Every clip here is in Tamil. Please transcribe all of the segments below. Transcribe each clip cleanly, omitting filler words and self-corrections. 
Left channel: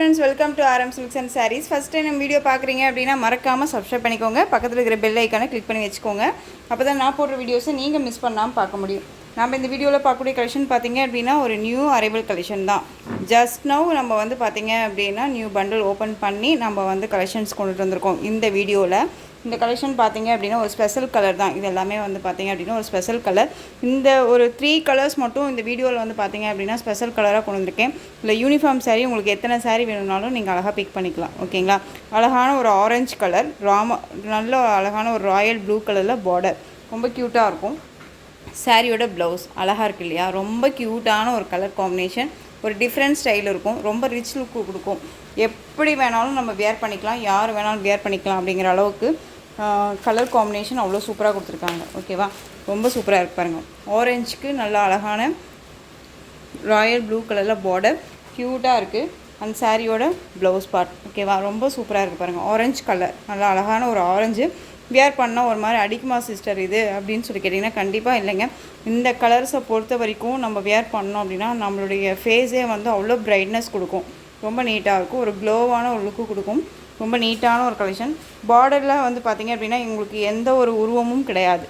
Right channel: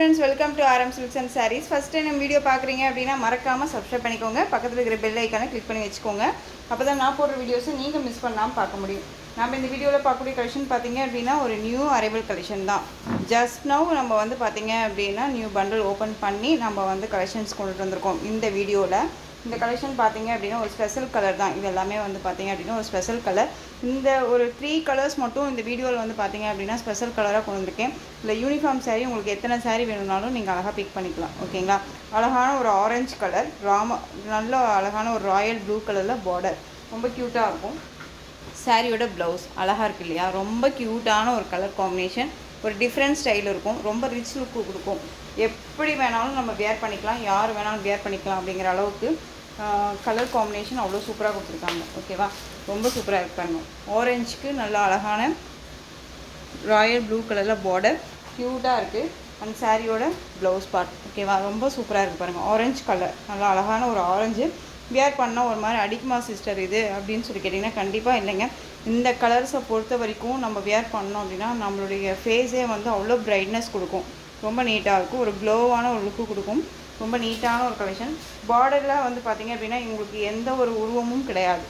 Friends, welcome to RM Silks and Sarees. First time நம்ம வீடியோ பார்க்குறீங்க அப்படின்னா மறக்காமல் சப்ஸ்கிரைப் பண்ணிக்கோங்க. பக்கத்தில் இருக்கிற பெல் ஐக்கானை கிளிக் பண்ணி வச்சுக்கோங்க. அப்போ தான் நான் போடுற வீடியோஸை நீங்கள் மிஸ் பண்ணாமல் பார்க்க முடியும். நம்ம இந்த வீடியோவில் பார்க்கக்கூடிய கலெக்ஷன் பார்த்தீங்க அப்படின்னா ஒரு நியூ அரைவல் கலெக்ஷன் தான். ஜஸ்ட் நவ் நம்ம வந்து பார்த்தீங்க அப்படின்னா நியூ பண்டில் ஓப்பன் பண்ணி நம்ம வந்து கலெக்ஷன்ஸ் கொண்டுட்டு வந்திருக்கோம். இந்த வீடியோவில் இந்த கலெக்ஷன் பார்த்தீங்க அப்படின்னா ஒரு ஸ்பெஷல் கலர் தான். இது எல்லாமே வந்து பார்த்தீங்க அப்படின்னா ஒரு ஸ்பெஷல் கலர். இந்த ஒரு 3 கலர்ஸ் மட்டும் இந்த வீடியோவில் வந்து பார்த்தீங்க அப்படின்னா ஸ்பெஷல் கலராக கொண்டு வந்திருக்கேன். இல்லை யூனிஃபார்ம் சாரீ உங்களுக்கு எத்தனை சாரீ வேணும்னாலும் நீங்கள் அழகாக பிக் பண்ணிக்கலாம். ஓகேங்களா? அழகான ஒரு ஆரஞ்சு கலர், நல்ல அழகான ஒரு ராயல் ப்ளூ கலரில் பார்டர் ரொம்ப க்யூட்டாக இருக்கும். சாரியோட ப்ளவுஸ் அழகாக இருக்குது இல்லையா? ரொம்ப க்யூட்டான ஒரு கலர் காம்பினேஷன், ஒரு டிஃப்ரெண்ட் ஸ்டைல் இருக்கும், ரொம்ப ரிச் லுக்கு கொடுக்கும். எப்படி வேணாலும் நம்ம வியர் பண்ணிக்கலாம், யார் வேணாலும் வியர் பண்ணிக்கலாம் அப்படிங்கிற அளவுக்கு கலர் காம்பினேஷன் அவ்வளோ சூப்பராக கொடுத்துருக்காங்க. ஓகேவா? ரொம்ப சூப்பராக இருக்கு பாருங்கள். ஆரஞ்சுக்கு நல்ல அழகான ராயல் ப்ளூ கலரில் பார்டர் க்யூட்டாக இருக்குது. அந்த சாரியோட ப்ளவுஸ் பார்ட் ஓகேவா? ரொம்ப சூப்பராக இருக்குது பாருங்கள். ஆரஞ்சு கலர் நல்லா அழகான ஒரு ஆரஞ்சு. வியர் பண்ணால் ஒரு மாதிரி அடிக்குமா சிஸ்டர் இது அப்படின்னு சொல்லி கேட்டிங்கன்னா கண்டிப்பாக இல்லைங்க. இந்த கலர்ஸை பொறுத்த வரைக்கும் நம்ம வியர் பண்ணோம் அப்படின்னா நம்மளுடைய ஃபேஸே வந்து அவ்வளோ பிரைட்னஸ் கொடுக்கும். ரொம்ப நீட்டாக இருக்கும், ஒரு க்ளோவான ஒரு லுக்கு கொடுக்கும். ரொம்ப நீட்டான ஒரு கலெக்ஷன். பார்டரில் வந்து பார்த்திங்க அப்படின்னா உங்களுக்கு எந்த ஒரு உருவமும் கிடையாது.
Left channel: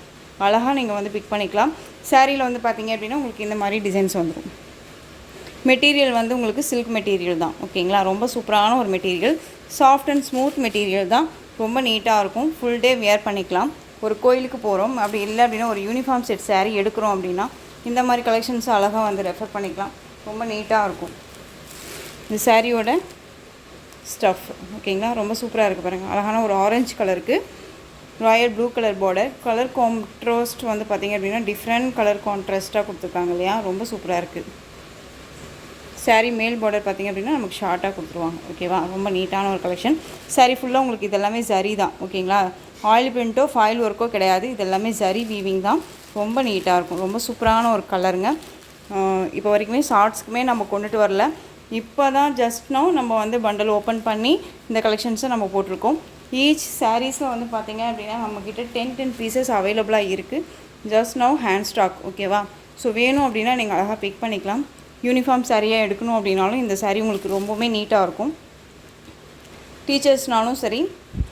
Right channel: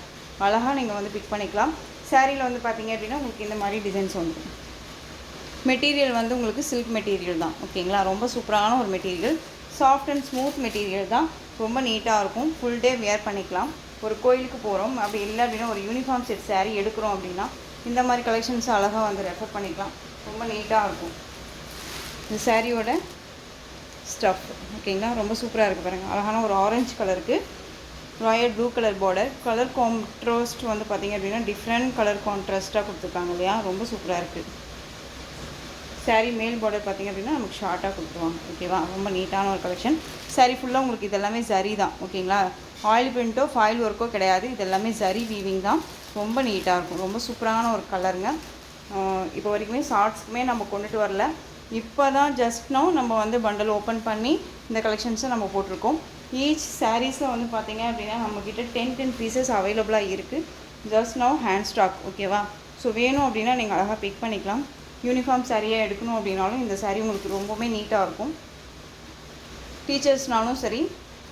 அழகாக நீங்கள் வந்து பிக் பண்ணிக்கலாம். சாரியில் வந்து பார்த்திங்க அப்படின்னா உங்களுக்கு இந்த மாதிரி டிசைன்ஸ் வந்துடும். மெட்டீரியல் வந்து உங்களுக்கு சில்க் மெட்டீரியல் தான். ஓகேங்களா? ரொம்ப சூப்பரான ஒரு material, soft and smooth material தான். ரொம்ப நீட்டாக இருக்கும். ஃபுல் டே வியர் பண்ணிக்கலாம். ஒரு கோயிலுக்கு போகிறோம் அப்படி இல்லை அப்படின்னா ஒரு யூனிஃபார்ம் செட் சாரீ எடுக்கிறோம் அப்படின்னா இந்த மாதிரி கலெக்ஷன்ஸ் அழகாக வந்து ரெஃபர் பண்ணிக்கலாம். ரொம்ப நீட்டாக இருக்கும். இந்த சாரியோட ஸ்டஃப் ஓகேங்களா? ரொம்ப சூப்பராக இருக்குது பாருங்கள். அழகான ஒரு ஆரஞ்சு கலருக்கு Royal blue colour border. Colour contrast வந்து பார்த்திங்க அப்படின்னா டிஃப்ரெண்ட் கலர் கான்ட்ராஸ்ட்டாக கொடுத்துருக்காங்க இல்லையா? ரொம்ப சூப்பராக இருக்குது. சாரீ மேல் பார்டர் பார்த்திங்க அப்படின்னா நமக்கு ஷார்ட்டாக கொடுத்துருவாங்க. ஓகேவா? ரொம்ப நீட்டான ஒரு கலெக்ஷன். சாரீ ஃபுல்லாக உங்களுக்கு இதெல்லாமே ஜரி தான். ஓகேங்களா? ஆயில் பிரிண்ட்டோ ஃபாயில் ஒர்க்கோ கிடையாது. இதெல்லாமே ஜரி வீவிங் தான். ரொம்ப நீட்டாக இருக்கும். ரொம்ப சூப்பரான ஒரு கலருங்க. இப்போ வரைக்குமே ஷார்ட்ஸ்க்குமே நம்ம கொண்டுட்டு வரல. இப்போ தான் ஜஸ்ட் நோ நம்ம வந்து பண்டல் ஓப்பன் பண்ணி இந்த கலெக்ஷன்ஸை நம்ம போட்டிருக்கோம். ஈச் சாரீஸில் வந்து பார்த்திங்க அப்படின்னா நம்மக்கிட்ட 10 பீசஸ் அவைலபிளாக இருக்குது. Just no hand stock. ஓகேவா? ஸோ வேணும் அப்படின்னா நீங்கள் அழகாக பிக் பண்ணிக்கலாம். யூனிஃபார்ம் சாரியாக எடுக்கணும் அப்படின்னாலும் இந்த சாரீ உங்களுக்கு ரொம்பவுமே நீட்டாக இருக்கும். டீச்சர்ஸ்னாலும் சரி,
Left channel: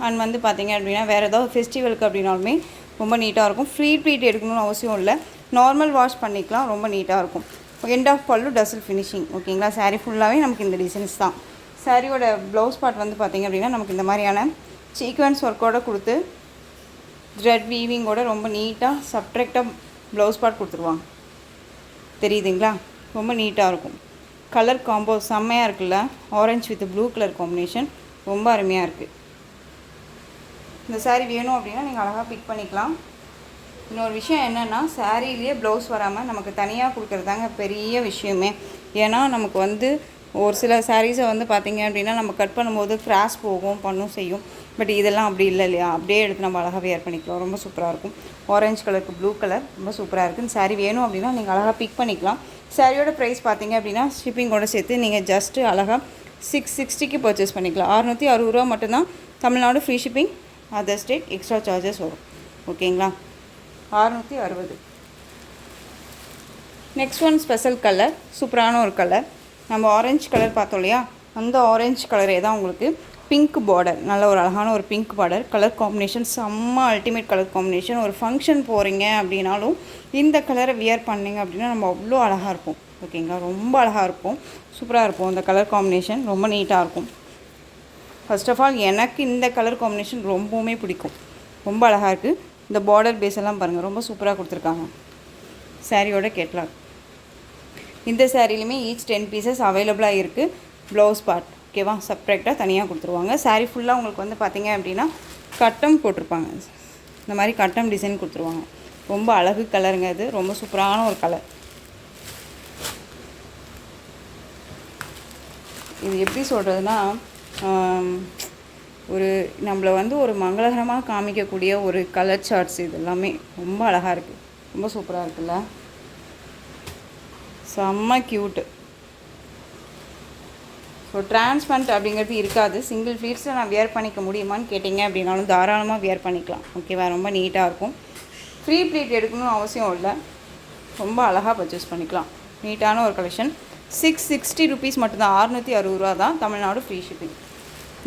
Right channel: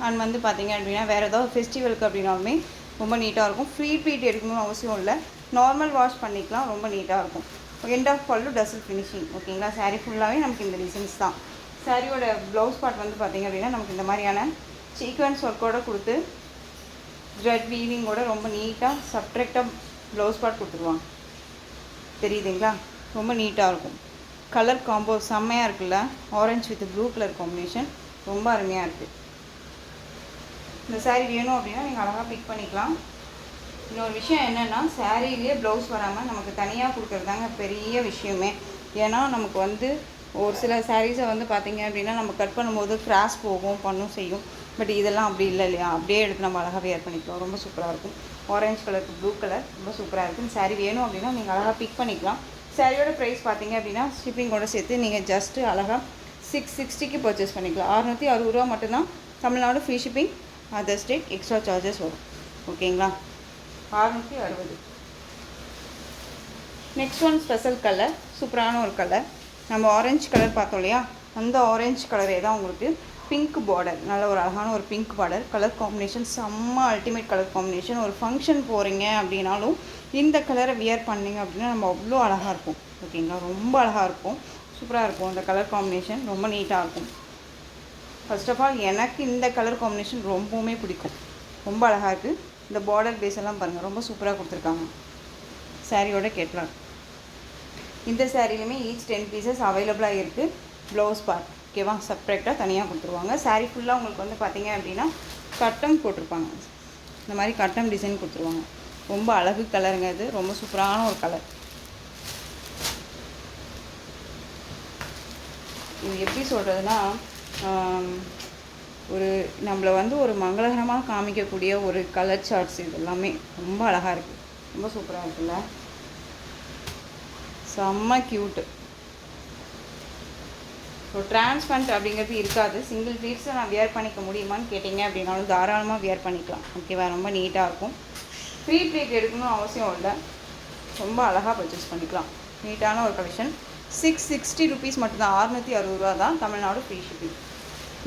அண்ட் வந்து பார்த்திங்க அப்படின்னா வேறு ஏதாவது ஃபெஸ்டிவலுக்கு அப்படின்னாலுமே ரொம்ப நீட்டாக இருக்கும். ஃப்ரீ ட்ரீட் எடுக்கணும்னு அவசியம் இல்லை, நார்மல் வாஷ் பண்ணிக்கலாம். ரொம்ப நீட்டாக இருக்கும். எண்ட் ஆஃப் பல்லு டசல் ஃபினிஷிங். ஓகேங்களா? சாரீ ஃபுல்லாகவே நமக்கு இந்த டிசைன்ஸ் தான். சாரியோட ப்ளவுஸ் பார்ட் வந்து பார்த்திங்க அப்படின்னா நமக்கு இந்த மாதிரியான சீக்வன்ஸ் ஒர்க்கோடு கொடுத்து த்ரெட் வீவிங்கோட ரொம்ப நீட்டாக சப்ட்ராக்டாக ப்ளவுஸ் பார்ட் கொடுத்துருவாங்க. தெரியுதுங்களா? ரொம்ப நீட்டாக இருக்கும். கலர் காம்போ செம்மையாக இருக்குல்ல? Orange with blue colour combination ரொம்ப அருமையாக இருக்குது. இந்த சாரீ வேணும் அப்படின்னா நீங்கள் அழகாக பிக் பண்ணிக்கலாம். இன்னொரு விஷயம் என்னென்னா, சாரீலேயே ப்ளவுஸ் வராமல் நமக்கு தனியாக கொடுக்குறது தாங்க பெரிய விஷயமே. ஏன்னா நமக்கு வந்து ஒரு சில சாரீஸை வந்து பார்த்திங்க அப்படின்னா நம்ம கட் பண்ணும்போது கிராஸ் போகும், பண்ணும் செய்யும். பட் இதெல்லாம் அப்படி இல்லை இல்லையா? அப்படியே எடுத்து நம்ம அழகாக வியர் பண்ணிக்கலாம். ரொம்ப சூப்பராக இருக்கும். ஆரஞ்சு கலருக்கு ப்ளூ கலர் ரொம்ப சூப்பராக இருக்குது. இந்த சாரீ வேணும் அப்படின்னா நீங்கள் அழகாக பிக் பண்ணிக்கலாம். சாரியோட ப்ரைஸ் பார்த்திங்க அப்படின்னா ஷிப்பிங்கோட சேர்த்து நீங்கள் ஜஸ்ட்டு அழகாக 660க்கு பர்ச்சேஸ் பண்ணிக்கலாம். 660 ரூபா மட்டும்தான். Tamil Nadu free shipping, other state extra charges வரும். ஓகேங்களா? 660. நெக்ஸ்ட் ஒன் ஸ்பெஷல் கலர், சூப்பரான ஒரு கலர். நம்ம ஆரஞ்சு கலர் பார்த்தோம் இல்லையா? அந்த ஆரஞ்சு கலரே தான் உங்களுக்கு பிங்க் பார்டர், நல்ல ஒரு அழகான ஒரு பிங்க் பார்டர். கலர் காம்பினேஷன் செம்ம அல்டிமேட் கலர் காம்பினேஷன். ஒரு ஃபங்க்ஷன் போகிறீங்க அப்படின்னாலும் இந்த கலரை வியர் பண்ணிங்க அப்படின்னா நம்ம அவ்வளோ அழகாக இருக்கும். ஓகேங்களா? ரொம்ப அழகாக இருக்கும், சூப்பராக இருக்கும். இந்த கலர் காம்பினேஷன் ரொம்ப நீட்டாக இருக்கும். ஃபர்ஸ்ட் ஆஃப் ஆல் எனக்கு இந்த கலர் காம்பினேஷன் ரொம்பவுமே பிடிக்கும். ரொம்ப அழகாக இருக்குது. இந்த பார்டர் பேஸ் எல்லாம் பாருங்கள், ரொம்ப சூப்பராக கொடுத்துருக்காங்க. சாரியோட கேட்லாக். இந்த சாரிலையுமே ஈச் 10 பீசஸ் அவைலபிளாக இருக்குது. ப்ளவுஸ் பார்ட் ஓகேவா? செப்ரேட்டாக தனியாக கொடுத்துருவாங்க. சாரீ ஃபுல்லாக உங்களுக்கு வந்து பார்த்திங்க அப்படின்னா கட்டம் போட்டிருப்பாங்க. இந்த மாதிரி கட்டம் டிசைன் கொடுத்துருவாங்க. ரொம்ப அழகு கலருங்க. இது ரொம்ப சூப்பரான ஒரு கலர். இது எப்படி சொல்கிறதுனா, ஒரு நம்மளை வந்து ஒரு மங்களகரமாக காமிக்கக்கூடிய ஒரு கலர் சார்ட்ஸ். இது எல்லாமே ரொம்ப அழகாக இருக்குது. ரொம்ப சூப்பராக இருக்குல்ல? செம்ம க்யூட்டு. ஸோ டிரான்ஸ்பரண்ட் அப்படிங்கிறது இருக்காது. சிங்கிள் ஃபீட்ஸை நான் வியர் பண்ணிக்க முடியுமான்னு கேட்டிங்க அப்படின்னாலும் தாராளமாக வியர் பண்ணிக்கலாம். ஓகேவா? ரொம்ப நீட்டாக இருக்கும். ஃப்ரீ ட்ரீட் எடுக்கணும்னு அவசியம் இல்லை. ரொம்ப அழகாக பர்ச்சேஸ் பண்ணிக்கலாம். நீட்டான ஒரு கலெக்ஷன். 660 ருபீஸ் மட்டும்தான், 660 ரூபா தான், Tamil Nadu free shipping.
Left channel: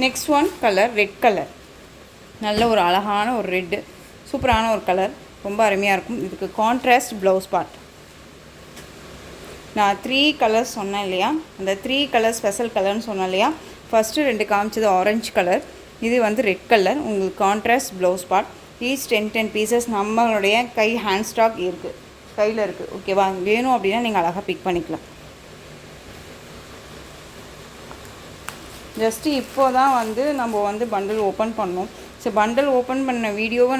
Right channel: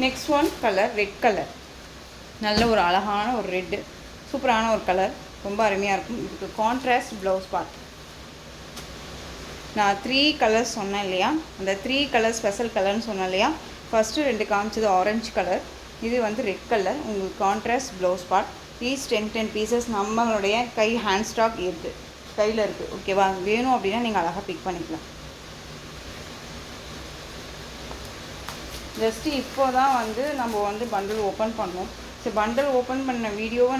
Next one colour red colour, நல்ல ஒரு அழகான ஒரு ரெட்டு, சூப்பரான ஒரு கலர், ரொம்ப அருமையாக இருக்கும். இதுக்கு கான்ட்ராஸ்ட் ப்ளவுஸ் பார்ட். நான் 3 கலர்ஸ் சொன்னேன் இல்லையா, அந்த 3 கலர் ஸ்பெஷல் கலர்னு சொன்னேன் இல்லையா. ஃபஸ்ட்டு 2 காமிச்சது ஆரஞ்சு கலர், இது வந்து ரெட் கலர். உங்களுக்கு contrast blouse part. Each 10 pieces நம்மளுடைய கை ஹேண்ட் ஸ்டாக் இருக்குது, கையில் இருக்குது. ஓகேவா, வேணும் அப்படின்னா நீங்கள் அழகாக பிக் பண்ணிக்கலாம். ஜஸ்ட்டு இப்போ தான் வந்து நம்ம வந்து பண்டில் ஓப்பன் பண்ணோம். ஸோ பண்டில் ஓப்பன் பண்ண வீடியோவை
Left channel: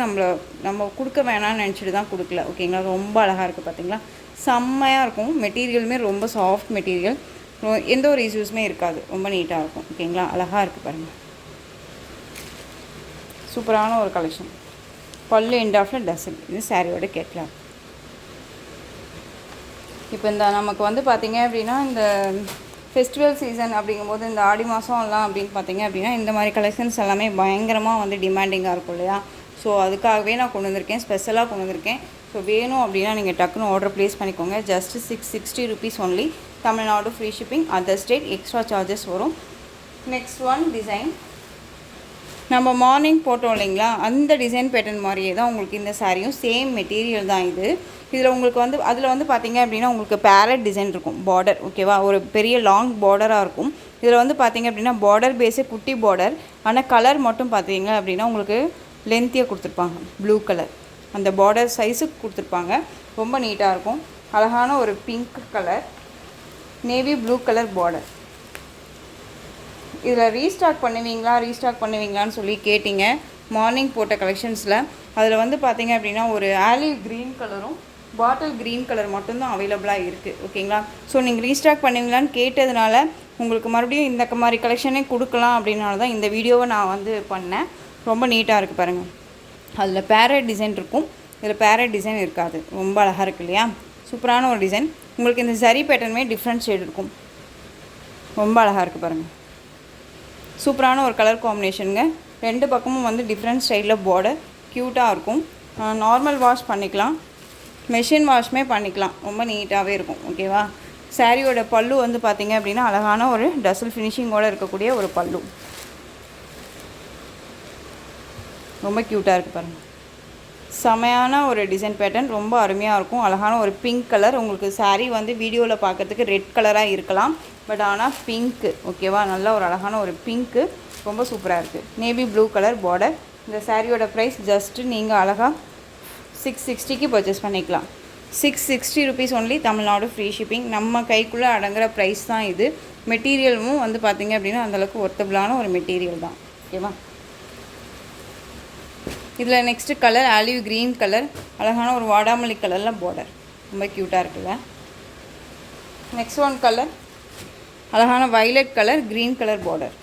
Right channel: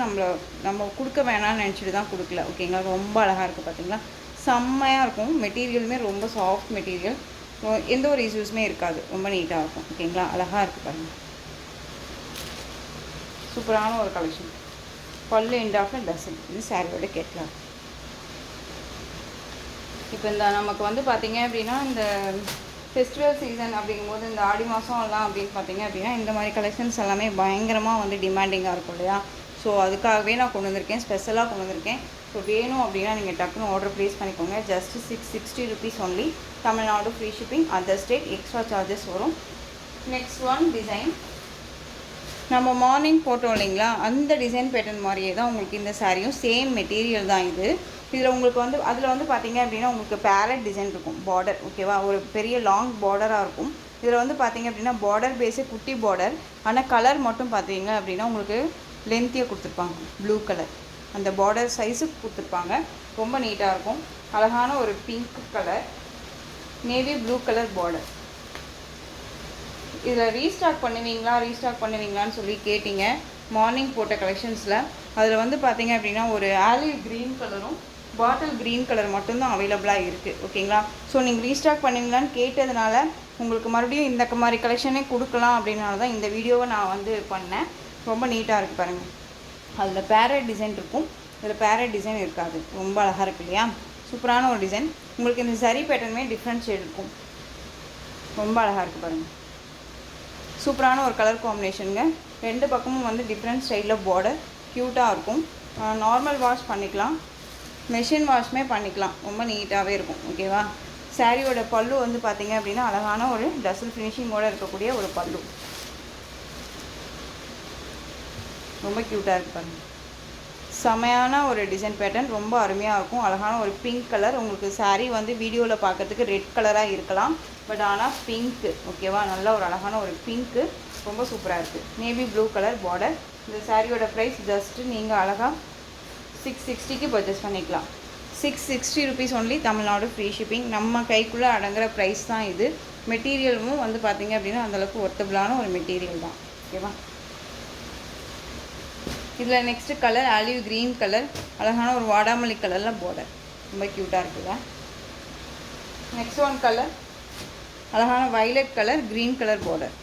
நம்ம கொடுக்க வேணாம்னு நினச்சிட்டு தான் கொடுக்கல. ஓகேங்களா, ரொம்ப அழகாக இருக்குது பார்த்தீங்களா, செம்மையாக இருக்கும். மெட்டீரியலுமே ரொம்ப சாஃப்ட் மெட்டீரியல், எந்த ஒரு இஷ்யூஸுமே இருக்காது, ரொம்ப நீட்டாக இருக்கும். ஓகேங்களா, அழகாக இருக்குது பாருங்கள், சூப்பரான ஒரு கலெக்ஷன். பல்லு எண்ட் ஆஃபில் டசன், இது சாரியோட கேட்கலாம். இப்போ இந்த நமக்கு வந்து பார்த்திங்க அப்படின்னா இந்த ஃபெஸ்டிவல் சீசன் அப்படிங்கும்போது இந்த ஆடி மாதம் எல்லாம் அப்படின்னு பார்த்திங்க அப்படின்னா இந்த மாதிரி கலெக்ஷன்ஸ் எல்லாமே பயங்கரமாக வந்து டிமாண்டிங்காக இருக்கும் இல்லையா. ஸோ அதுக்காகவே நான் கொண்டு வந்திருக்கேன், ஸ்பெஷலாக கொண்டு வந்திருக்கேன். ஸோ வேணும் அப்படின்னா நீங்கள் டக்குன்னு ஆர்டர் ப்ளேஸ் பண்ணிக்கோங்க. Just 660 rupees only, Tamil Nadu free shipping, other state extra charges வரும். நெக்ஸ்ட் ஒன் டிசைன், நம்ம மார்னிங் போட்டோம் இல்லைங்களா, அந்த டிசைன் பேட்டர்ன் மாதிரியே தான் உங்களுக்கு இந்த சாரியும், சேம் மெட்டீரியல் தான் இது. இதில் உங்களுக்கு வந்து அதில் வந்து பார்த்திங்க அப்படின்னா உங்களுக்கு பேரட் டிசைன் இருக்கும், பார்டர். ஓகேவா, ஒரு பெரிய லாங் பார்டராக இருக்கும். இதில் வந்து பார்த்திங்க அப்படின்னா பார்டர் பேஸே குட்டி பார்டர், ஆனால் கலர் மட்டும் பார்த்திங்க அப்படின்னா உங்களுக்கு லென்த்தியாக கொடுத்துருப்பாங்க, ப்ளூ கலர் அந்த பார்டர் சைஸுக்கு கொடுத்துருப்பாங்க. ரொம்ப நீட்டாக இருக்கும். அழகான ஒரு pink colour, navy blue colour border. இதில் ரீஸ்டாக் பண்ணுவீங்களான்னு சொல்லி கேட்டிங்க மார்னிங் போட்ட கலெக்ஷன்ஸில். அதில் வந்து பார்த்திங்க அப்படின்னா ஒரு ஆலிவ் க்ரீன் கலரும் பாட்டில் க்ரீன் கலர் மட்டும்தான் அவைலபிளாக இருக்குது. ஓகேங்களா, ஸோ நீங்கள் ரீஸ்டாக் பண்ணுவீங்களான்னு கேட்டதுனால உங்களுக்கு மறுபடியும் இந்த மாதிரி கலெக்ஷனே கொடுக்கலாம் அப்படின்னால தான் இந்த வீடியோவை நான் வந்து பண்ணேன். ரொம்ப நீட்டாக இருக்குது பாருங்கள். அதில் பேரட் டிசைன் இருக்கும், இதில் பேரட் டிசைன் இருக்காது. ரொம்ப அழகாக இருக்குது இல்லையா, சூப்பரான ஒரு டிசைன். உங்களுக்கு இந்த சரி பேட்டர்னுமே டிஃப்ரெண்ட் ஷேட் இருக்கும், ரொம்ப அழகாக இருக்குது பாருங்கள். சூப்பரான ஒரு கலர் காம்பினேஷனுங்க. 2 பக்கமும் வந்து டிஃப்ரெண்ட் ஸ்டைலில் பார்டர், க்யூட்டாக இருக்கும். நார்மல் வாஷ் பண்ணிக்கலாம், மெஷின் வாஷ்மே பண்ணிக்கலாம், ரொம்ப நீட்டாகவே இருக்கும். ஓகேவா, சாரியோட பல்லு வந்து பார்த்திங்க அப்படின்னா அழகான ஒரு டசல் ஃபினிஷிங்கோடு இருக்கக்கூடிய ஒரு பல்லு, ரொம்ப க்யூட்டாக இருக்குது பாருங்கள். செமையான ஒரு டிசைன் பேட்டர்ன், ரொம்ப அருமையாக இருக்கும். அழகான ஒரு பிங்க் கலர். உங்களுக்கு சாரீ வந்து வீடியோவில் பார்க்குறதுக்கு ரெட் கலராக இருக்கலாம், பட் ஆனால் பிங்க்கு. ஓகேவா, நல்ல ஒரு அழகான ஒரு பிங்க்கு, ரொம்ப சூப்பராக இருக்குது. Navy blue colour border. இந்த சாரியோட ப்ரைஸ் ஜஸ்ட்டு நீங்கள் அழகாக 660க்கு பர்ச்சேஸ் பண்ணிக்கலாம். 660 rupees only, Tamil Nadu free shipping. நம்ம கைக்குள்ளே அடங்குற ப்ரைஸ் தான் இது. மெட்டீரியலும் வந்து பார்த்திங்க அப்படின்னா அந்தளவுக்கு ஒர்த்தபிளான ஒரு மெட்டீரியல் தான். ஓகேவா, இதில் next colour olive green colour, அழகான ஒரு வாடாமல்லி கலரில் பார்டர், ரொம்ப க்யூட்டாக இருக்குல்ல. நெக்ஸ்ட் ஒன் கலர் அழகான violet colour, green colour border,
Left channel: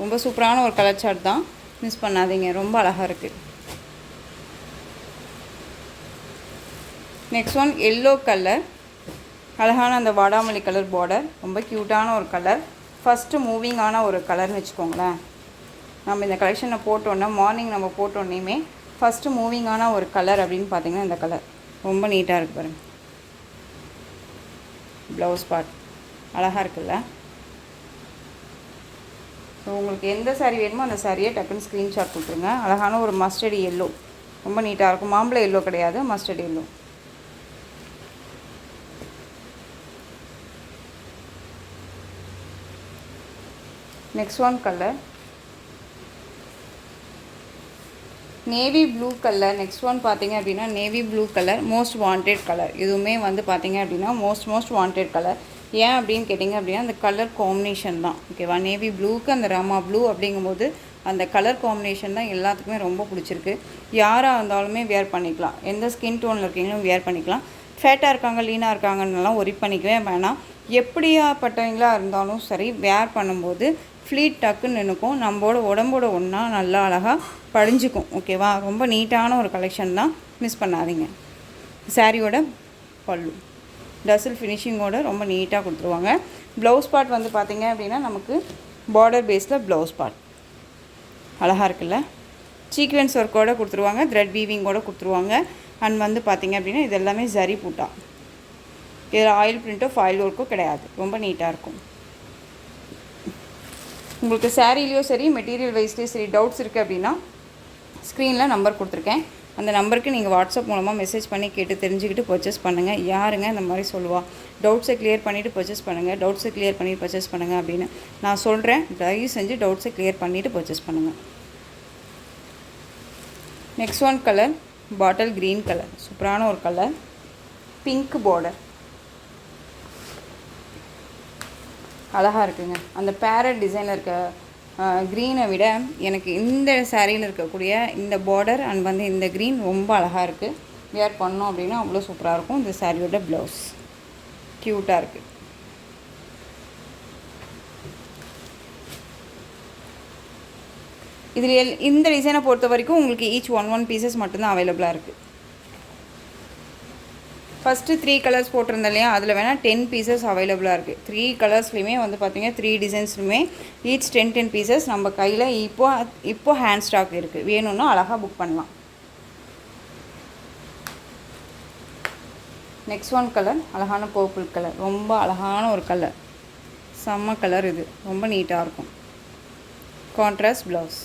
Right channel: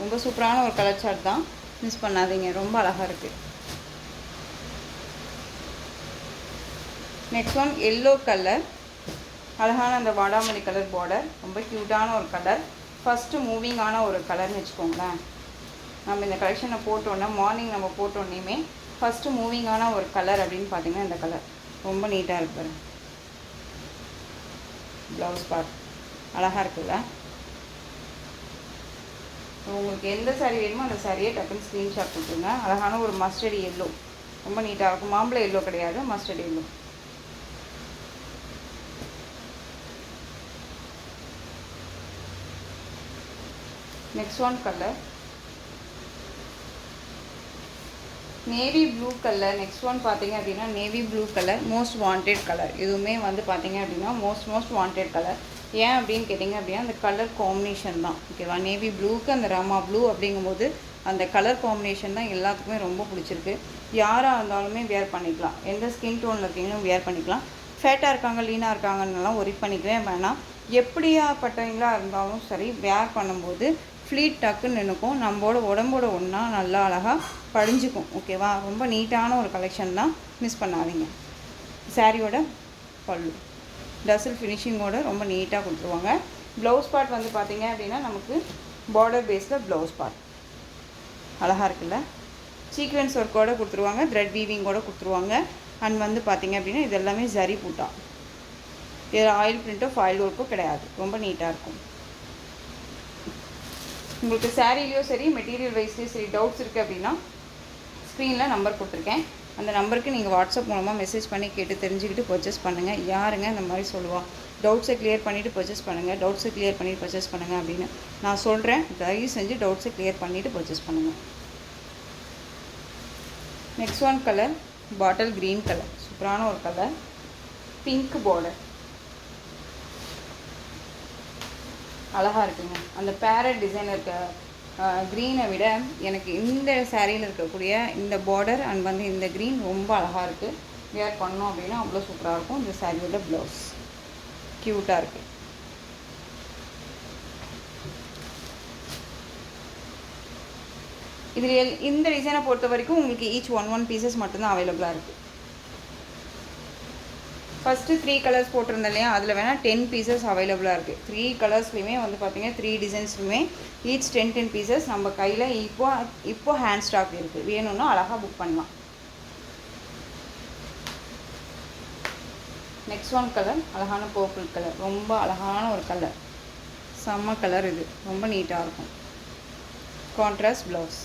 ரொம்ப சூப்பரான ஒரு கலர் சார்ட் தான், மிஸ் பண்ணாதீங்க, ரொம்ப அழகாக இருக்குது. நெக்ஸ்ட் ஒன் எல்லோ கலர், அழகான அந்த வாடாமல்லி கலர் பார்டர், ரொம்ப க்யூட்டான ஒரு கலர். ஃபஸ்ட்டு மூவிங்கான ஒரு கலர்னு வச்சுக்கோங்களேன். நம்ம இந்த கலெக்ஷனை போட்டோன்னே மார்னிங் நம்ம போட்டோன்னே ஃபஸ்ட்டு மூவிங்கான ஒரு கலர் அப்படின்னு பார்த்திங்கன்னா இந்த கலர் ரொம்ப நீட்டாக இருக்குது பாருங்கள். ப்ளவுஸ் பார்ட் அழகாக இருக்குல்ல. உங்களுக்கு எந்த சாரீ வேணுமோ அந்த சாரியை டக்குன்னு ஸ்க்ரீன்ஷாட் கொடுத்துருங்க. அழகான ஒரு மஸ்டர்ட் எல்லோ, ரொம்ப நீட்டாக இருக்கும். மாம்பழ எல்லோ கிடையாது, mustard yellow. Next one colour navy blue colour. Next one பார்த்திங்க அப்படின்னா navy blue colour, most wanted colour. இதுவுமே வந்து பார்த்திங்க அப்படின்னா மோஸ்ட் வாண்டட் கலர். ஏன் அப்படின்னு கேட்டிங்க அப்படின்னா அந்த கலர் காம்பினேஷன் தான். ஓகேவா, நேவி ப்ளூக்கு அந்த ராமா ப்ளூ அப்படிங்கும்போது அந்த கலர் காம்பினேஷன் தான் எல்லாத்துக்குமே ரொம்ப பிடிச்சிருக்கு. யாராக இருந்தாலுமே வேர் பண்ணிக்கலாம், எந்த ஸ்கின் டோனில் இருக்கீங்களும் வேர் பண்ணிக்கலாம். ஃபேட்டாக இருக்காங்க, லீனாக இருக்காங்கன்னெலாம் ஒரி பண்ணிக்கவே வேணாம். எப்படியாப்பட்டவங்களாக இருந்தாலும் சரி, வேர் பண்ணும்போது ஃப்ளீட் டக்குன்னு நினைக்கும், நம்மளோட உடம்போட ஒன்றா நல்லா அழகாக படிஞ்சுக்கும். ஓகேவா, ரொம்ப நீட்டான ஒரு கலெக்ஷன் தான், மிஸ் பண்ணாதீங்க. சாரியோட பல்லு டசல் ஃபினிஷிங்கோட ரொம்ப நீட்டாக கொடுத்துருவாங்க. ப்ளவுஸ் பார்ட் வந்து பார்த்திங்க அப்படின்னா நமக்கு பார்டர் பேஸில் ப்ளவுஸ் பார்ட் அழகாக இருக்குல்ல. சீக்வென்ஸ் ஒர்க்கோடு கொடுத்துருவாங்க, த்ரெட் வீவிங்கோடு கொடுத்துருவாங்க. அண்ட் வந்து பார்த்திங்க அப்படின்னா இது எல்லாமே ஜரி பூட்டா. இதில் ஆயில் பிரிண்ட்டோ ஃபாயில் ஒர்க்கோ கிடையாது. ரொம்ப நீட்டாக இருக்கும். உங்களுக்கு சாரீலையோ சரி மெட்டீரியல் வைஸ்லேயும் சரி டவுட்ஸ் இருக்குது அப்படின்னா ஸ்க்ரீனில் நம்பர் கொடுத்துருக்கேன். அந்த நம்பருக்கு நீங்கள் வாட்ஸ்அப் மூலமாக மெசேஜ் பண்ணி கேட்டு தெரிஞ்சுக்கிட்டு பர்ச்சேஸ் பண்ணுங்கள். யாருங்க இந்த மாதிரி சொல்லுவாள், டவுட்ஸை கிளியர் பண்ணிவிட்டு பர்ச்சேஸ் பண்ணுங்கள், டவுட்ஸை கிளியர் பண்ணிவிட்டு பர்ச்சேஸ் பண்ணுங்கள் அப்படின்னு நான் சொல்கிறேன். தயவு செஞ்சு டவுட்ஸை கிளியர் பண்ணிவிட்டு பர்ச்சேஸ் பண்ணுங்கள். Next one colour bottle green colour, சூப்பரான ஒரு கலர், பிங்க் பார்டர், அழகாக இருக்குங்க. அந்த பேரட் டிசைனில் இருக்க க்ரீனை விட எனக்கு இந்த சாரியில் இருக்கக்கூடிய இந்த பார்டர் அண்ட் வந்து இந்த க்ரீன் ரொம்ப அழகாக இருக்குது. வியர் பண்ணோம் அப்படின்னா அவ்வளோ சூப்பராக இருக்கும். இந்த சாரியோட ப்ளவுஸ் க்யூட்டாக இருக்குது. இதில் இந்த டிசைனை பொறுத்த வரைக்கும் உங்களுக்கு ஈச் ஒன் பீசஸ் மட்டும்தான் அவைலபிளாக இருக்குது. ஃபஸ்ட்டு 3 கலர்ஸ் போட்டிருந்தேன் இல்லையா, அதில் வேணால் 10 பீசஸ் அவைலபிளாக இருக்குது. 3 கலர்ஸ்லையுமே வந்து பார்த்திங்கன்னா 3 டிசைன்ஸ்லையுமே ஈச் 10 பீசஸ் நம்ம கையில் இப்போ ஹேண்ட் ஸ்டாக் இருக்குது. வேணும்னா அழகாக புக் பண்ணலாம். நெக்ஸ்ட் ஒன் கலர் அழகான பர்பிள் கலர், ரொம்ப அழகான ஒரு கலர், செம்ம கலர். இது ரொம்ப நீட்டாக இருக்கும். Contrast blouse.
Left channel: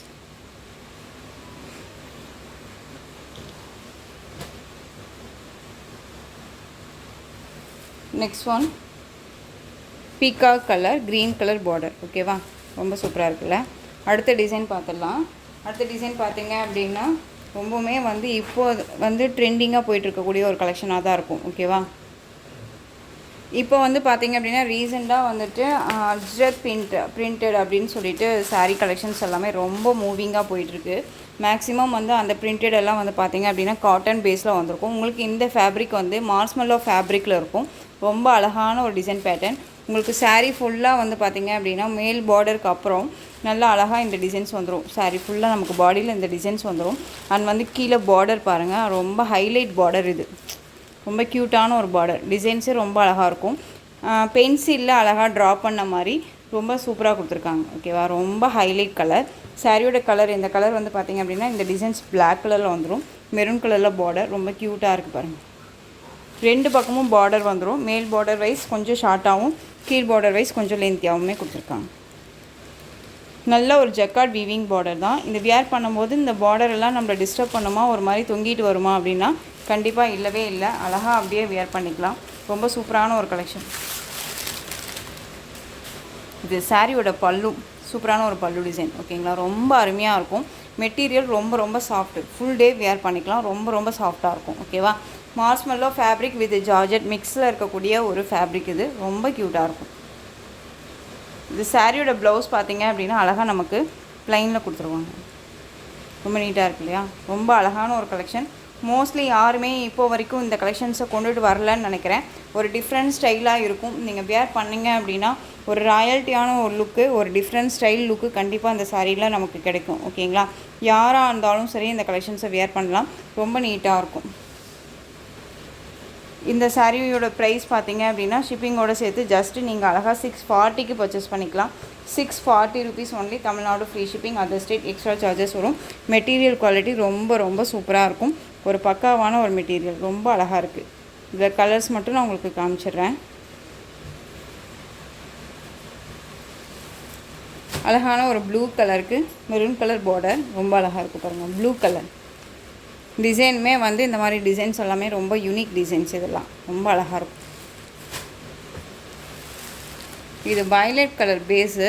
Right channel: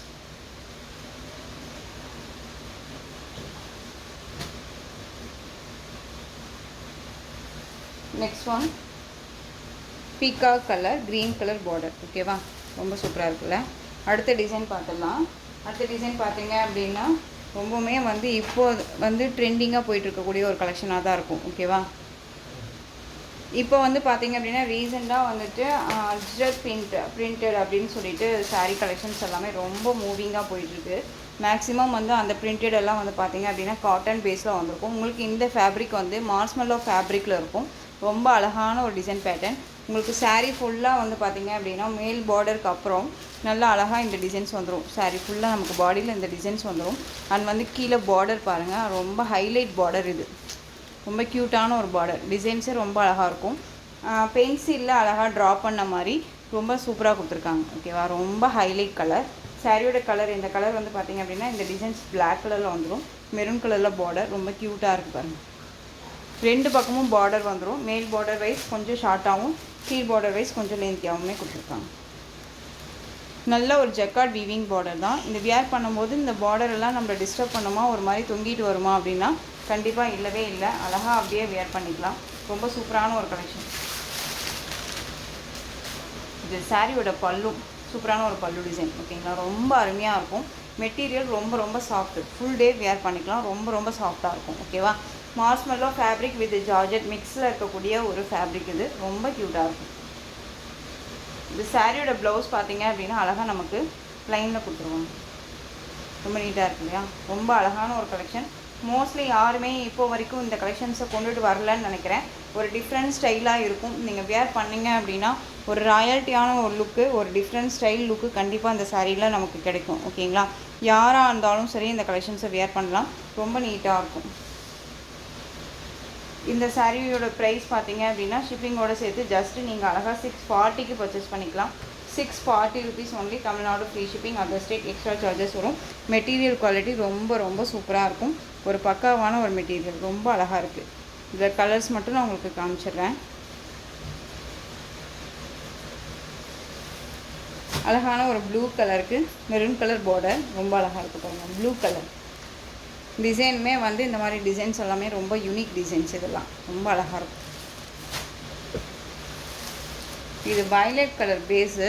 Next one peacock colour, green colour border. ஓகேவா, ரொம்ப சூப்பராக இருக்குல்ல. அடுத்த டிசைன் பார்த்துடலாம். அடுத்த டிசைன் பார்த்தீங்க அப்படின்னா ரொம்பவுமே வந்து இப்போது வந்து ட்ரெண்டிங்காக போயிட்டுருக்கக்கூடிய ஒரு கலெக்ஷனாக தான் இருக்கும். ஓகேவா, இப்போ வந்து பார்த்திங்க அப்படின்னா ரீசெண்டாக வந்துட்டு அஜ்ரக் பிரிண்டட் அப்படின்னு சொல்லிட்டு சாரீ கலெக்ஷன்ஸ் எல்லாமே ரொம்ப மூவிங்காக போயிட்டுருக்கு. மேக்ஸிமம் வந்து அந்த பிரிண்டட் எல்லாம் வந்து பார்த்திங்க அப்படின்னா காட்டன் பேஸில் வந்திருக்கும். உங்களுக்கு இந்த ஃபேப்ரிக் வந்து மார்ஸ்மெல்லோ ஃபேப்ரிக்கில் இருக்கும். ரொம்ப அழகான ஒரு டிசைன் பேட்டர்ன். உங்களுக்கு சாரீ ஃபுல்லாக வந்து பார்த்திங்க அப்படின்னா மேல் பார்டருக்கு அப்புறம் நல்லா அழகாக இந்த டிசைன்ஸ் வந்துடும். சாரீ ஃபுல்லாக நமக்கு பாடியில் இந்த டிசைன்ஸ் வந்துடும். அண்ட் வந்து கீழே பார்டர் பாருங்கள், ரொம்ப ஹைலைட் பார்டர். இது ரொம்ப க்யூட்டான ஒரு பார்டர். டிசைன்ஸே ரொம்ப அழகாக இருக்கும். பென்சிலில் அழகாக ட்ரா பண்ண மாதிரி ரொம்ப சூப்பராக கொடுத்துருக்காங்க. ஓகேவா, ரொம்ப ஹைலைட் கலர். சாரியோட கலர், இந்த கலர் வந்து பார்த்திங்க அப்படின்னா இந்த டிசைன்ஸ் பிளாக் கலரில் வந்துடும். மெரூன் கலரில் பார்டர் ரொம்ப க்யூட்டாக இருக்குது பாருங்கள். 2 பக்கமும் பார்டர் வந்துடும். மேல் பார்டர் வைஸ் கொஞ்சம் ஷார்ட்டாகவும் கீழ் பார்டர் வைஸ் கொஞ்சம் லென்த்தியாகவுமே கொடுத்துருக்காங்க. நல்ல ஒரு ஜக்கார்ட் வீவிங் பார்டர் தான். இந்த வியர் பண்ணும்போது இந்த பார்டர் எல்லாம் நம்மளை டிஸ்டர்ப் பண்ணுமா, ஒரு மாதிரி தொங்கிட்டு வருமா அப்படின்னா கண்டிப்பாக இல்லவே இல்லை. அழகாக அப்படியே வியர் பண்ணிக்கலாம். ரொம்ப சூப்பரான ஒரு கலெக்ஷன். இது சாரியோட பல்லு, சூப்பரான ஒரு பல்லு டிசைன். ஓகேங்களா, ரொம்ப அருமையாக இருக்கும். மெட்டீரியல் ரொம்ப ரொம்ப சாஃப்ட்டு, ஃபுல் டே வியர் பண்ணிக்கலாம். ரொம்ப ரொம்ப சாஃப்டாக இருக்கும். ஓகேவா, மார்ஸ்மெல்லோ ஃபேப்ரிக் வித் ஜார்ஜெட் மிக்ஸில் இருக்கக்கூடிய ஒரு ஃபேப்ரிக். இது ரொம்ப க்யூட்டாக இருக்கும். இந்த சாரியோட ப்ளவுஸ் பார்த்திங்க அப்படின்னா அழகாக நமக்கு ப்ளைனில் கொடுத்துருவாங்க. ரொம்ப நீட்டாக இருக்கு இல்லையா, ரொம்ப அழகான ஒரு கலெக்ஷன். மோஸ்ட்லி யாருமே இப்போ வரைக்கும் இந்த கலெக்ஷன்ஸை கொண்டுட்டு வரலன்னு நினைக்கிறேன். ஒரு டிஃப்ரெண்ட் ஸ்டைலாக இருக்கும். நீங்கள் வியர் பண்ணிங்க அப்படின்னா ஒரு ராயல்ட்டியான ஒரு லுக்கு, ஒரு டிஃப்ரெண்ட் ஸ்டைல் லுக்கு கண்டிப்பாக அந்த சாரியில் நமக்கு கிடைக்கும். ஓகேங்களா, யாராக இருந்தாலும் சரி இந்த கலெக்ஷன்ஸை வியர் பண்ணலாம். ரொம்ப நீட்டாக இருக்கும். இந்த சாரியோட ப்ரைஸ் பார்த்தீங்க அப்படின்னா ஷிப்பிங்கோடு சேர்த்து ஜஸ்ட்டு நீங்கள் அழகாக 640க்கு பர்ச்சேஸ் பண்ணிக்கலாம். 640 rupees only. Tamil Nadu free shipping, other state extra charges வரும். மெட்டீரியல் குவாலிட்டி ரொம்ப ரொம்ப சூப்பராக இருக்கும். ஒரு பக்காவான ஒரு மெட்டீரியல், ரொம்ப அழகாக இருக்குது. இதில் கலர்ஸ் மட்டும் நான் உங்களுக்கு காமிச்சிடுறேன். அழகான ஒரு ப்ளூ கலருக்கு மெரூன் கலர் பார்டர், ரொம்ப அழகாக இருக்குது பாருங்கள். ப்ளூ கலர் டிசைனுமே வந்து இந்த மாதிரி டிசைன்ஸ் எல்லாமே ரொம்ப யூனிக் டிசைன்ஸ். இதெல்லாம் ரொம்ப அழகாக இருக்கும். இது violet colour base,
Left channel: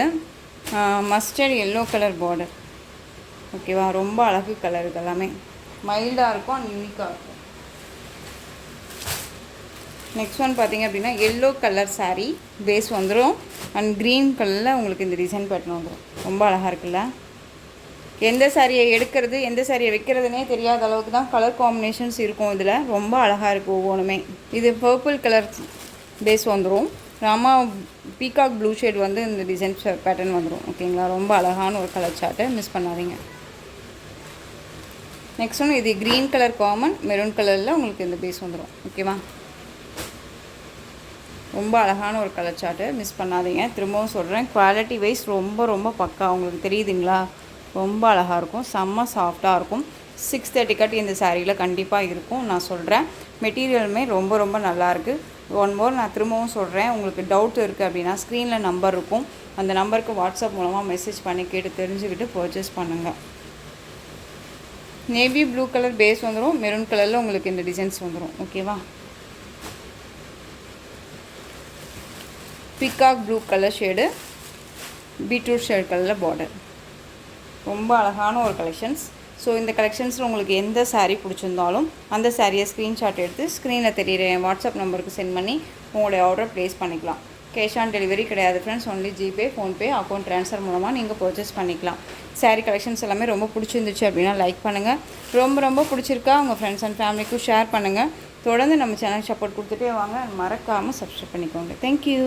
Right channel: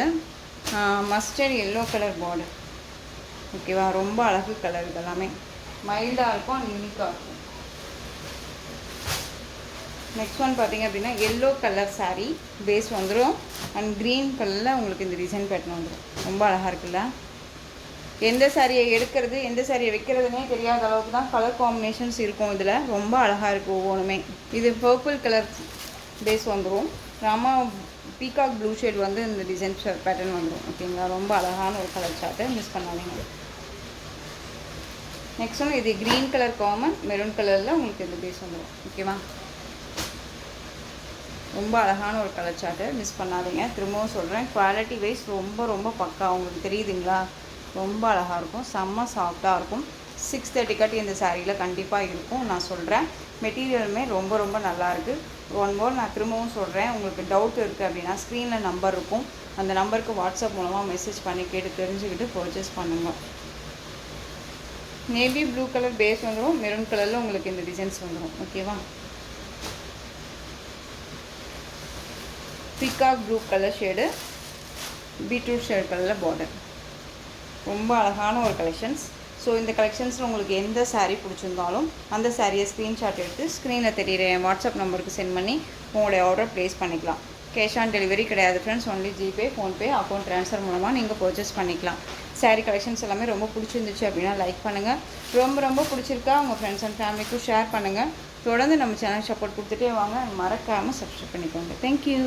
mustard yellow colour border. ஓகேவா, ரொம்ப அழகு கலர். இதெல்லாமே மைல்டாக இருக்கும் அண்ட் யூனிக்காக இருக்கும். நெக்ஸ்ட் ஒன் பார்த்திங்க அப்படின்னா எல்லோ கலர் சாரீ பேஸ் வந்துடும் அண்ட் க்ரீன் கலரில் உங்களுக்கு இந்த டிசைன் பேட்டர்ன் வந்துடும். ரொம்ப அழகாக இருக்குல்ல. எந்த சாரியை எடுக்கிறது எந்த சாரியை வைக்கிறதுனே தெரியாத அளவுக்கு தான் கலர் காம்பினேஷன்ஸ் இருக்கும். இதில் ரொம்ப அழகாக இருக்குது ஒவ்வொன்றுமே. இது பர்பிள் கலர் பேஸ் வந்துடும். ராமா பீகாக் ப்ளூ ஷேட் வந்து இந்த டிசைன் பேட்டர்ன் வந்துடும். ஓகேங்களா, ரொம்ப அழகான ஒரு கலர் சார்ட்டை மிஸ் பண்ணாதீங்க. நெக்ஸ்ட் ஒன்று இது க்ரீன் கலர் காமன், மெரூன் கலரில் உங்களுக்கு இந்த பேஸ் வந்துடும். ஓகேவா, ரொம்ப அழகான ஒரு கலர் சார்ட்டை மிஸ் பண்ணாதீங்க. திரும்பவும் சொல்கிறேன், குவாலிட்டி வைஸ் ரொம்ப ரொம்ப பக்கா. உங்களுக்கு தெரியுதுங்களா, ரொம்ப அழகாக இருக்கும். செம்ம சாஃப்டாக இருக்கும். 630 கட் இந்த சாரியில் கண்டிப்பாக இருக்கும் நான் சொல்கிறேன். மெட்டீரியலுமே ரொம்ப ரொம்ப நல்லாயிருக்கு. ஒன் மோர் நான் திரும்பவும் சொல்கிறேன், உங்களுக்கு டவுட் இருக்குது அப்படின்னா ஸ்க்ரீனில் நம்பர் இருக்கும், அந்த நம்பருக்கு வாட்ஸ்அப் மூலமாக மெசேஜ் பண்ணி கேட்டு தெரிஞ்சுக்கிட்டு பர்ச்சேஸ் பண்ணுங்கள். நேவி ப்ளூ கலர் பேஸ் வந்துடும், மெரூன் கலரில் உங்களுக்கு இந்த டிசைன்ஸ் வந்துடும். ஓகேவா? Peacock blue colour shade, beetroot shade கலரில் பார்டர். ரொம்ப அழகான ஒரு கலெக்ஷன்ஸ். ஸோ இந்த கலெக்ஷன்ஸில் உங்களுக்கு எந்த சாரீ பிடிச்சிருந்தாலும் அந்த சாரியை ஸ்க்ரீன்ஷாட் எடுத்து ஸ்க்ரீனில் தெரியுற என் வாட்ஸ்அப் நம்பருக்கு சென்ட் பண்ணி உங்களுடைய ஆர்டர் ப்ளேஸ் பண்ணிக்கலாம். கேஷ் ஆன் டெலிவரி கிடையாது friends, only GPay, PhonePe, account transfer மூலமாக நீங்கள் பர்ச்சேஸ் பண்ணிக்கலாம். சாரீ கலெக்ஷன்ஸ் எல்லாமே ரொம்ப பிடிச்சிருந்துச்சு அப்படின்னா லைக் பண்ணுங்கள். ரொம்ப பிடிச்சிருக்கா உங்கள் ஃப்ரெண்ட்ஸ் அண்ட் ஃபேமிலிக்கும் ஷேர் பண்ணுங்கள். தொடர்ந்து நம்ம சேனல் சப்போர்ட் கொடுத்துட்டே வாங்க. மறக்காமல் சப்ஸ்கிரைப் பண்ணிக்கோங்க. தேங்க்யூ.